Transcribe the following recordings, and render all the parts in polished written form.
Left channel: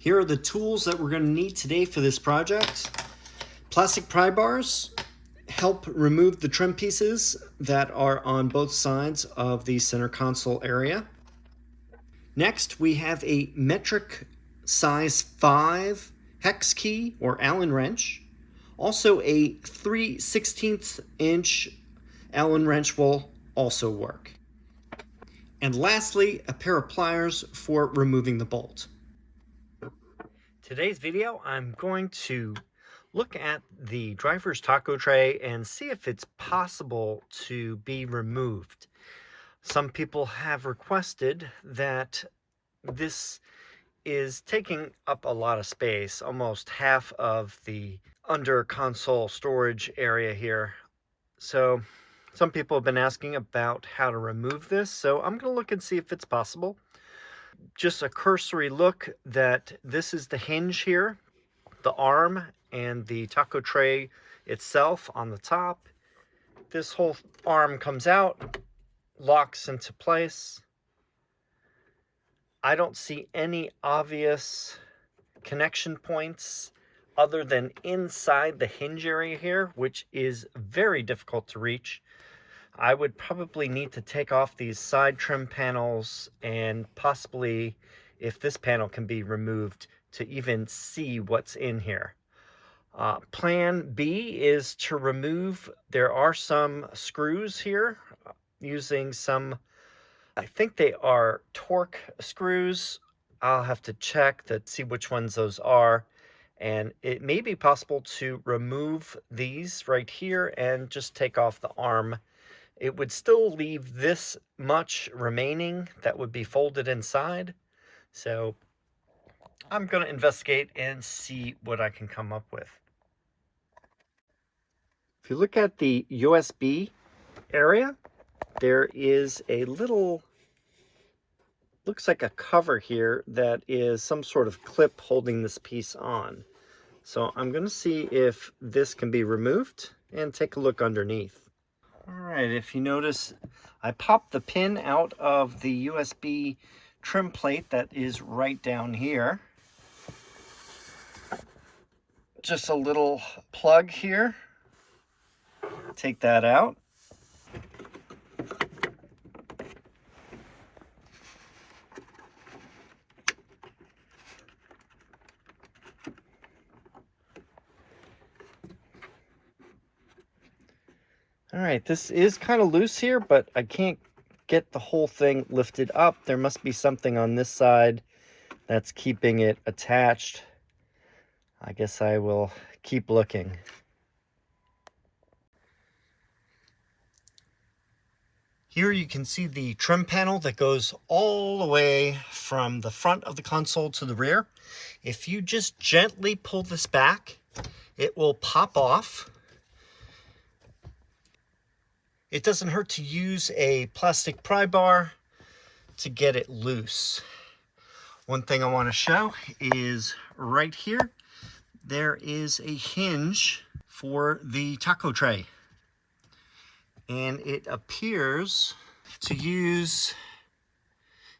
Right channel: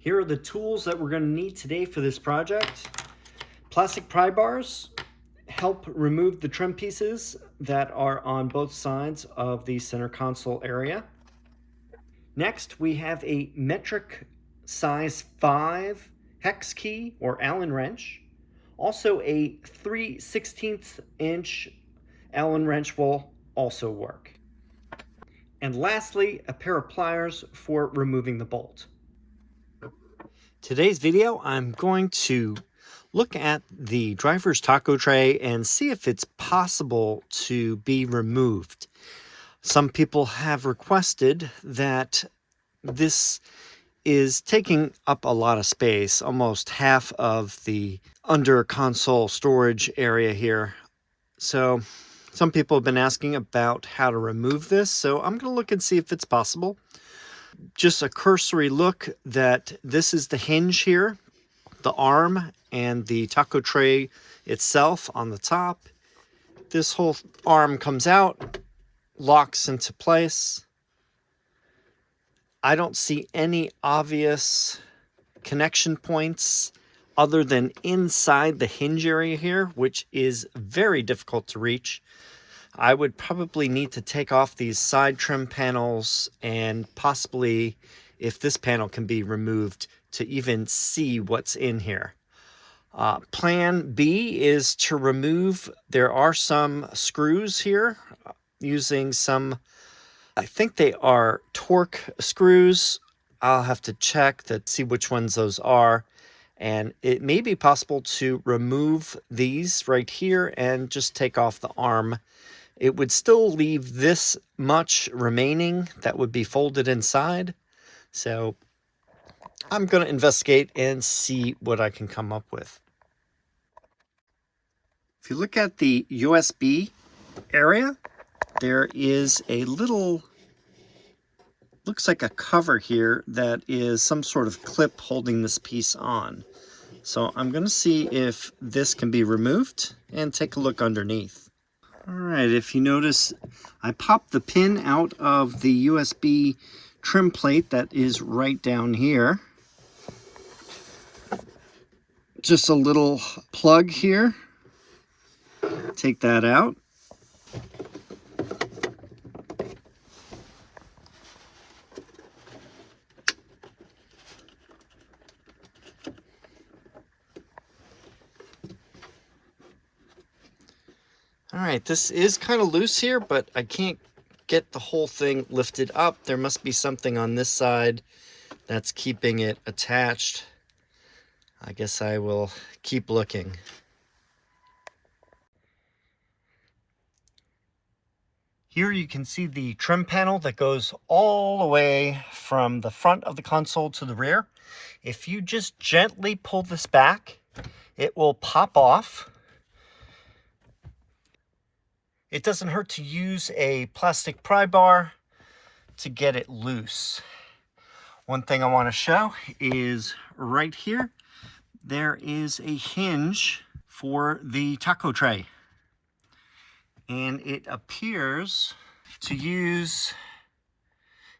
Here are the tools that we're going to need today for this project. Plastic pry bars help remove the trim pieces that are on both sides of the center console area. Next, we have a metric size 5 hex key or Allen wrench. Also, a 3/16 inch Allen wrench will also work. And lastly, a pair of pliers for removing the bolt. Today's video, I'm going to look at the driver's taco tray and see if it's possible to be removed. Some people have requested that this is taking up a lot of space, almost half of the under console storage area here. So some people have been asking about how to remove this, so I'm going to look and see if it's possible. Just a cursory look that this is the hinge here, the arm and the taco tray itself on the top. This whole arm comes out, locks into place. I don't see any obvious connection points other than inside the hinge area here, which is very difficult to reach. I would probably need to take off these side trim panels and possibly, if this panel can be removed, to even see what's in here. Plan B is to remove, there are some screws here using some, I think they are torque screws. I'll have to check to see which ones those are. And it may be possible to remove these right here and just take off the arm. It would still leave this much remaining that would be folded inside. So I'm going to investigate and see what I can come up with. If you look at the USB area, there is a little, looks like a cover here that is some sort of clip holding this piece on. So I'm going to see if this can be removed and take a look underneath. All right, if you notice, I popped the pin out of the USB trim plate that is right down here. Just a little plug here. Take that out. All right, this is kind of loose here, but I can't get the whole thing lifted up. There must be something on this side that's keeping it attached. I guess I will keep looking. Here you can see the trim panel that goes all the way from the front of the console to the rear. If you just gently pull this back, it will pop off. It doesn't hurt to use a plastic pry bar to get it loose. One thing I want to show is right here, there is a hinge for the taco tray. And it appears to use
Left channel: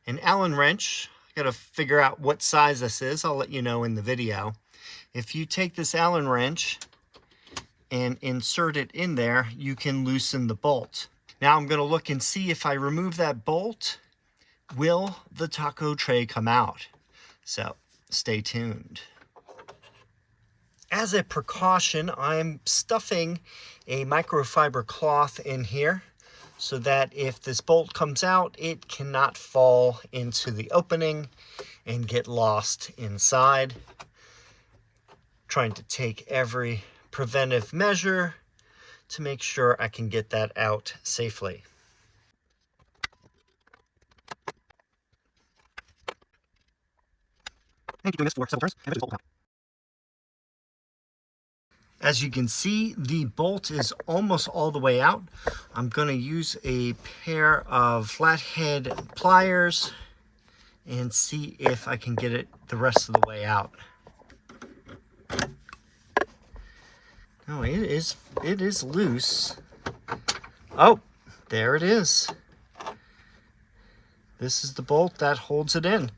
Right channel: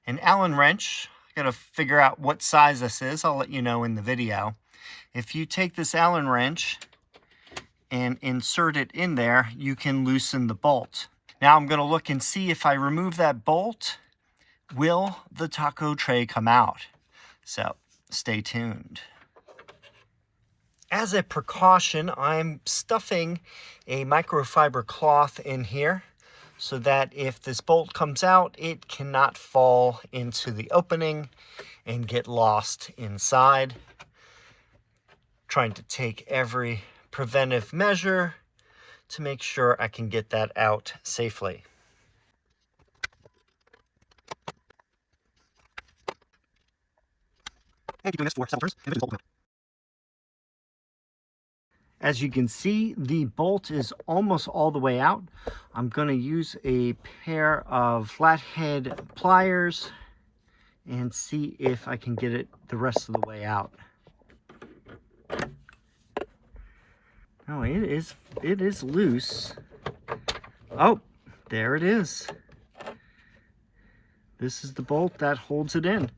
an Allen wrench. I gotta figure out what size this is. I'll let you know in the video. If you take this Allen wrench and insert it in there, you can loosen the bolt. Now I'm gonna look and see if I remove that bolt, will the taco tray come out? So stay tuned. As a precaution, I'm stuffing a microfiber cloth in here so that if this bolt comes out, it cannot fall into the opening and get lost inside. Trying to take every preventive measure to make sure I can get that out safely. And keep doing this for several turns and the bolt will come out. As you can see, the bolt is almost all the way out. I'm going to use a pair of flathead pliers and see if I can get it the rest of the way out. Oh, it is loose. Oh, there it is. This is the bolt that holds it in.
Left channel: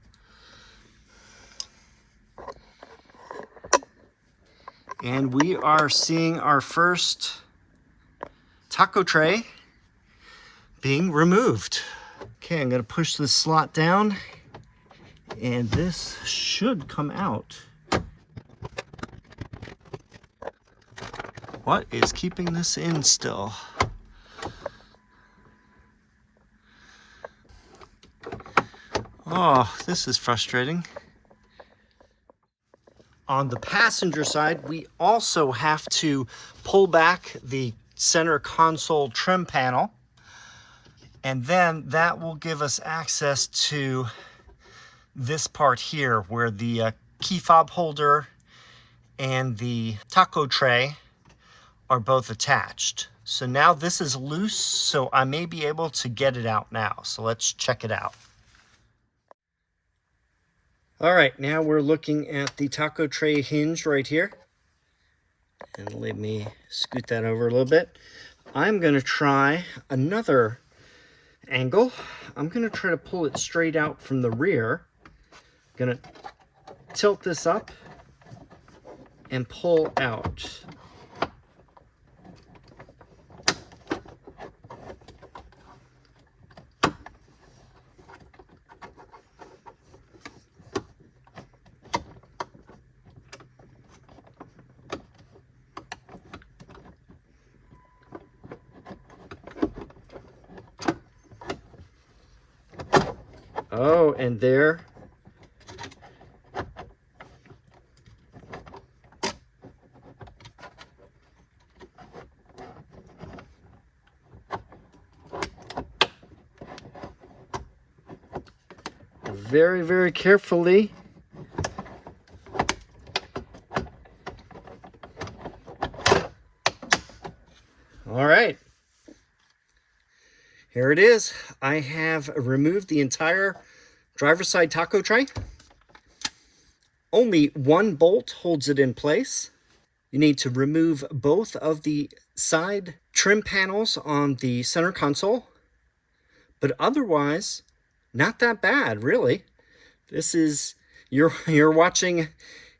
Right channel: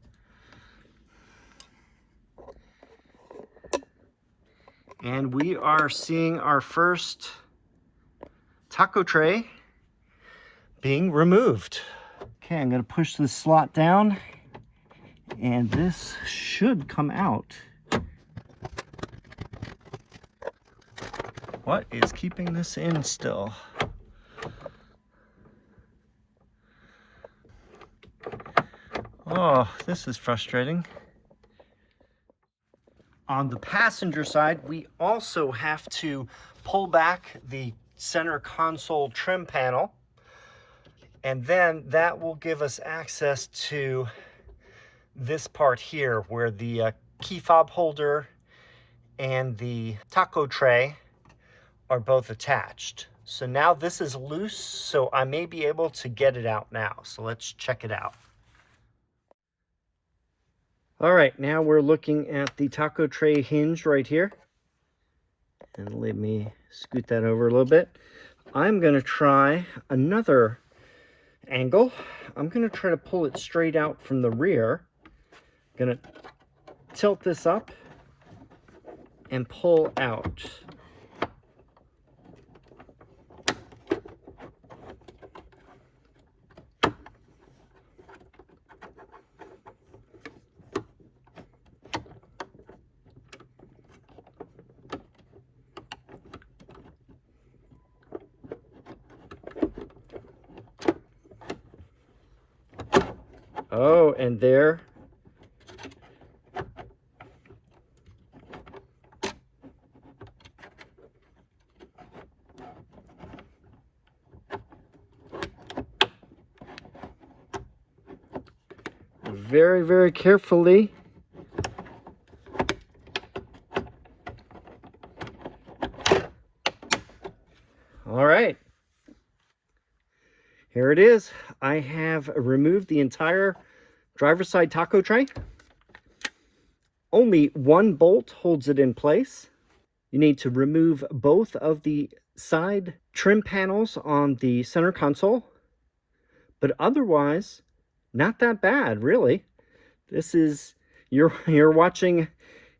And we are seeing our first taco tray being removed. Okay, I'm gonna push this slot down and this should come out. What is keeping this in still? Oh, this is frustrating. On the passenger side, we also have to pull back the center console trim panel, and then that will give us access to this part here where the key fob holder and the taco tray are both attached. So now this is loose, so I may be able to get it out now. So let's check it out. All right, now we're looking at the taco tray hinge right here. And let me scoot that over a little bit. I'm gonna try another angle. I'm gonna try to pull it straight out from the rear. Gonna tilt this up and pull out. Oh, and there. Very, very carefully. All right. Here it is. I have removed the entire driver's side taco tray. Only one bolt holds it in place. You need to remove both of the side trim panels on the center console, but otherwise, not that bad, really. This is, you're watching,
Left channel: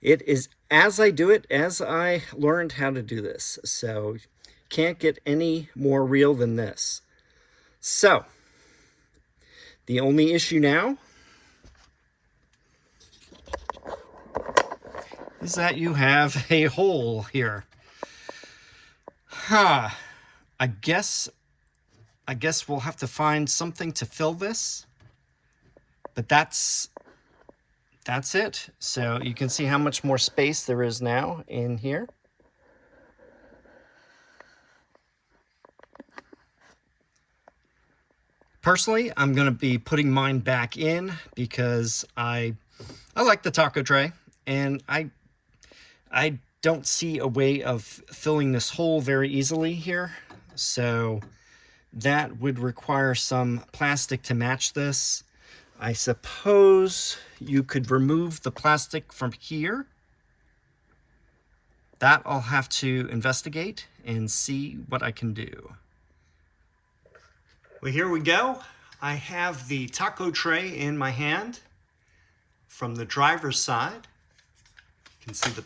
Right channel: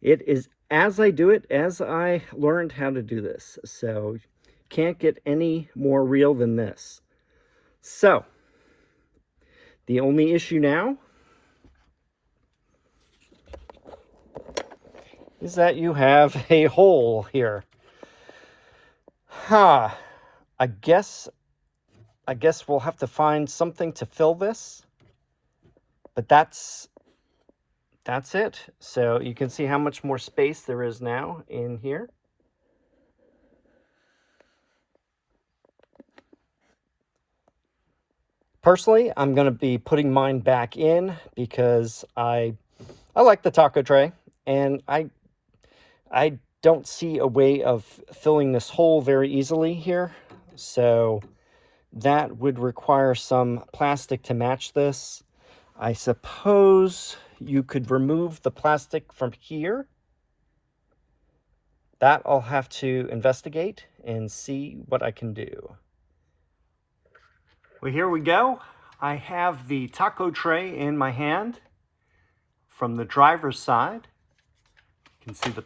it is as I do it, as I learned how to do this. So can't get any more real than this. So the only issue now is that you have a hole here. I guess we'll have to find something to fill this, but that's it. So you can see how much more space there is now in here. Personally, I'm going to be putting mine back in because I like the taco tray, and I don't see a way of filling this hole very easily here. So that would require some plastic to match this. I suppose you could remove the plastic from here. That I'll have to investigate and see what I can do. Well, here we go. I have the taco tray in my hand from the driver's side. You can see the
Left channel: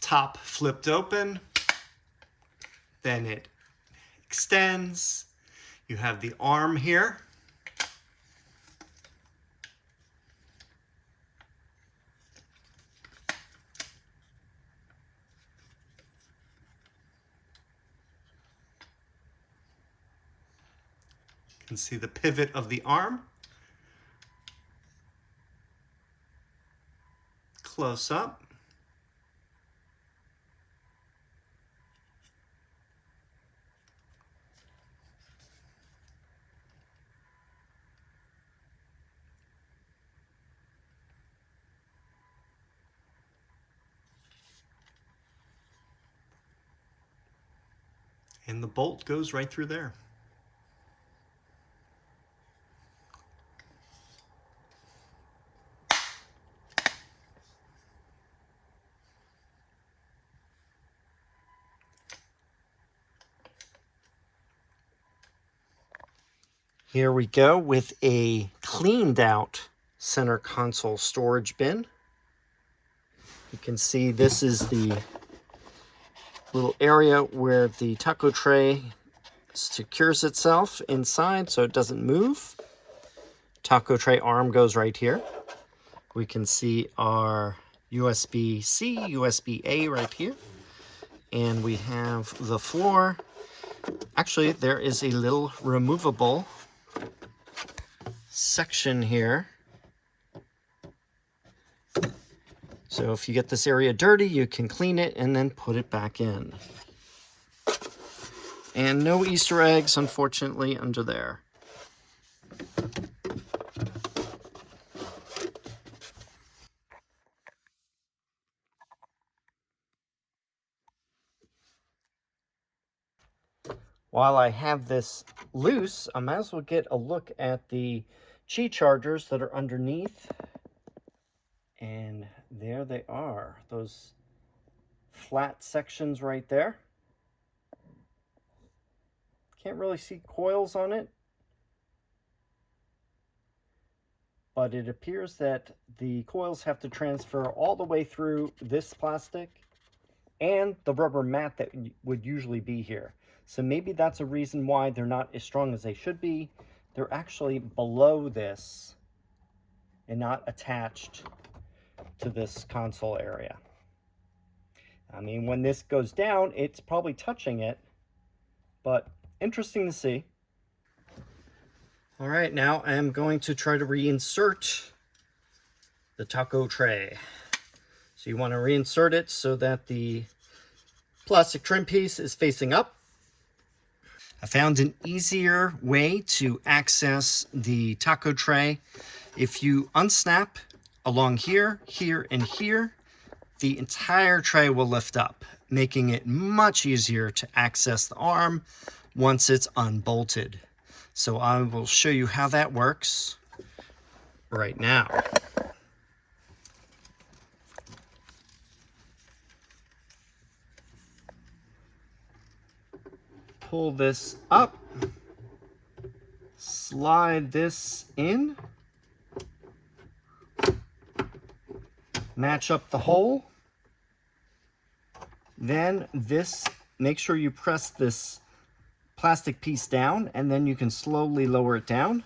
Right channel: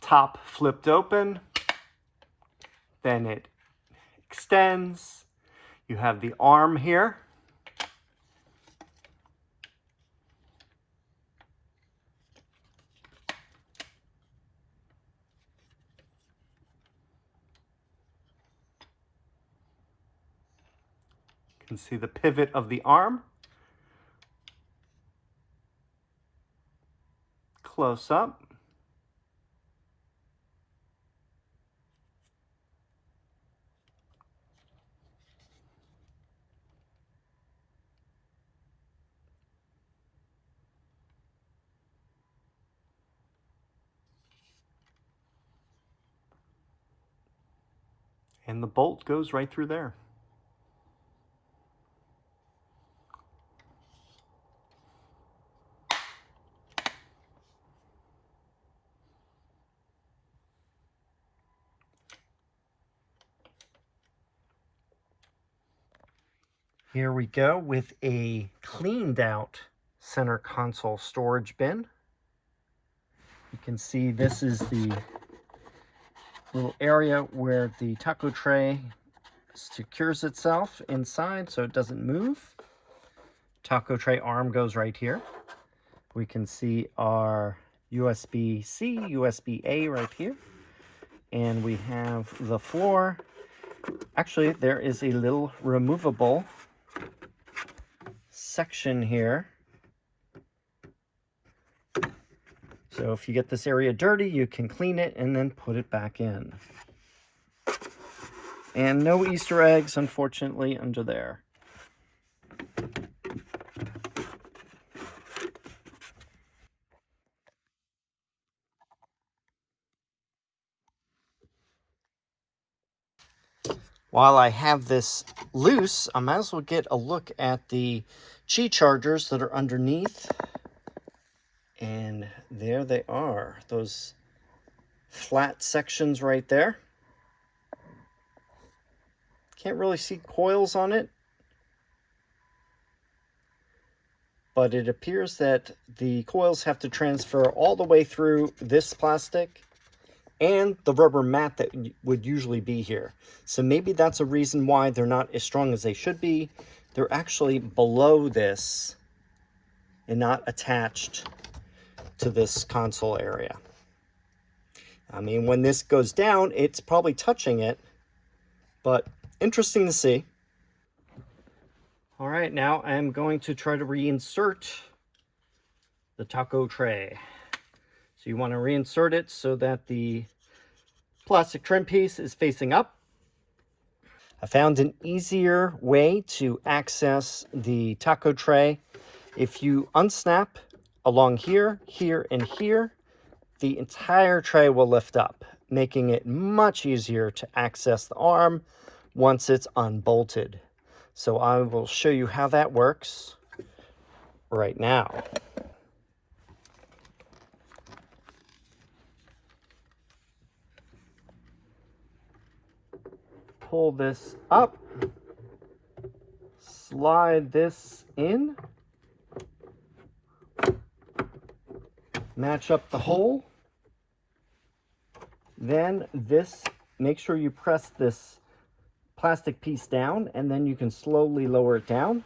top flipped open. Then it extends. You have the arm here. You can see the pivot of the arm. Close up. And the bolt goes right through there. Here we go with a cleaned out center console storage bin. You can see this is the little area where the taco tray secures itself inside so it doesn't move. Taco tray arm goes right here. We can see our USB-C, USB-A right here. And we have the floor. Actually, there is a little removable section here. So if you get this area dirty, you can clean it and then put it back in. And no Easter eggs, unfortunately, under there. While I have this loose, I might as well get a look at the Qi chargers that are underneath. And there they are, those flat sections right there. Can't really see coils on it, but it appears that the coils have to transfer all the way through this plastic and the rubber mat that would usually be here. So maybe that's a reason why they're not as strong as they should be. They're actually below this and not attached to this console area. I mean, when this goes down, it's probably touching it, but interesting to see. All right, now I'm going to try to reinsert the taco tray. So you want to reinsert it so that the plastic trim piece is facing up. I found an easier way to access the taco tray. If you unsnap along here, here, and here, the entire tray will lift up, making it much easier to access the arm once it's unbolted. So I will show you how that works right now. Pull this up, slide this in, match up the hole. Then make sure you press this plastic piece down, and then you can slowly lower it down.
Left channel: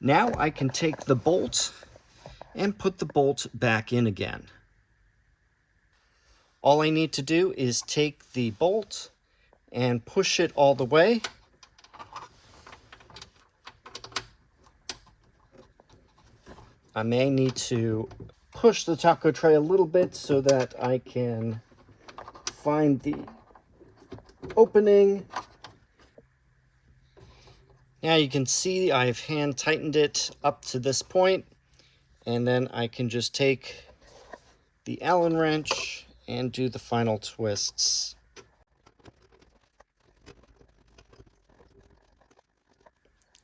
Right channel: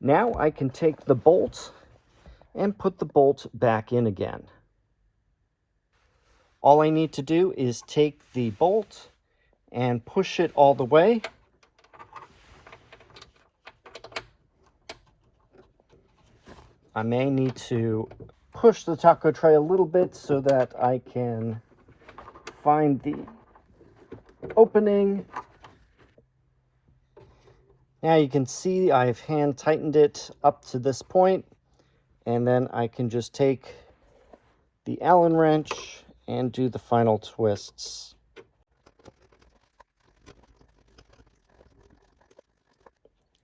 Now I can take the bolt and put the bolt back in again. All I need to do is take the bolt and push it all the way. I may need to push the taco tray a little bit so that I can find the opening. Now you can see I've hand tightened it up to this point, and then I can just take the Allen wrench and do the final twists.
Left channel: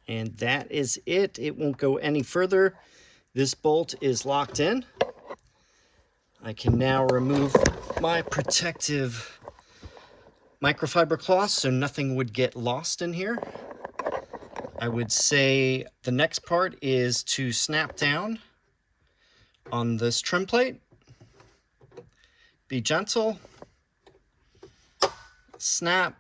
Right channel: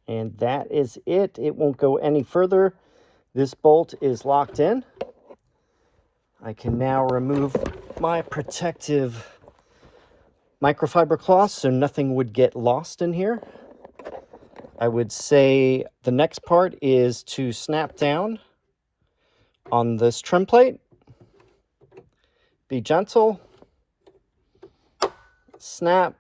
And that is it. It won't go any further. This bolt is locked in. I can now remove my protective microfiber cloth so nothing would get lost in here. I would say the next part is to snap down on this trim plate. Be gentle. Snap.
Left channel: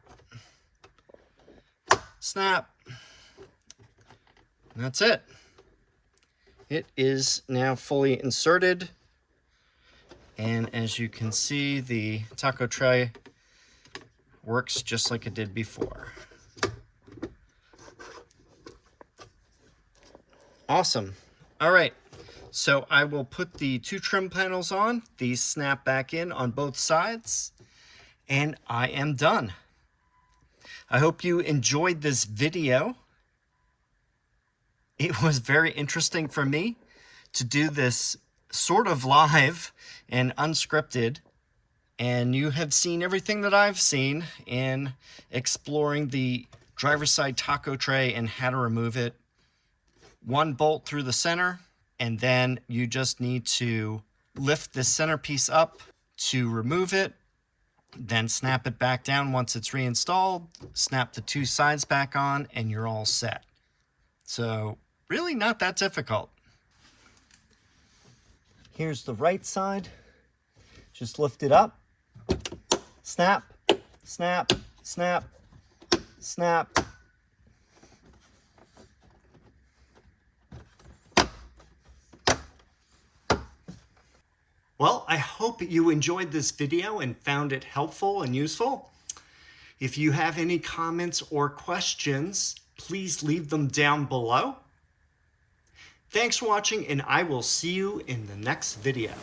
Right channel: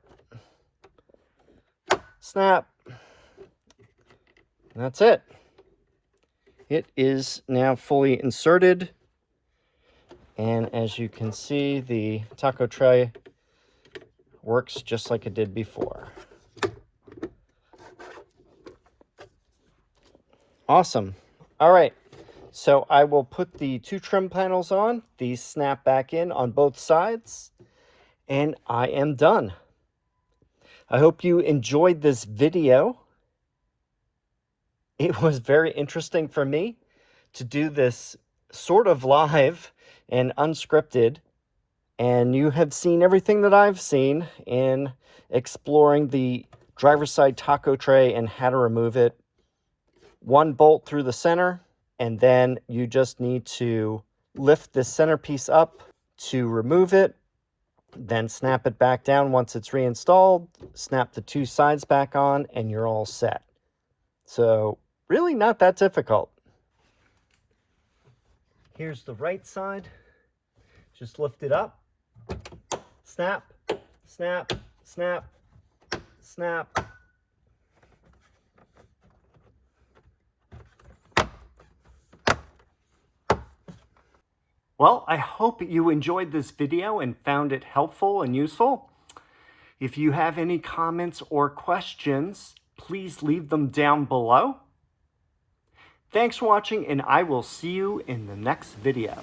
Snap. And that's it. It is now fully inserted. And as you can see, the taco tray works just like it did before. Awesome. All right. So I will put the two trim panels on. These snap back in on both sides. And I am done. I hope you enjoyed this video. It was very interesting for me to do this sort of live and unscripted. And you have seen everything that I've seen in exploring the driver's side taco tray and how to remove it. One bolt through the center, and then you just need to lift this centerpiece up to remove it, then snap it back down once it's reinstalled, snap the two sides back on, and you're all set. So really not that difficult. Here's the right side. Just lift it up, Snap, snap, snap, snap. Well, I hope you enjoyed this video and found it helpful and useful. If you have any comments or questions, please leave them down below. Thanks for watching, and I will see you in the next video.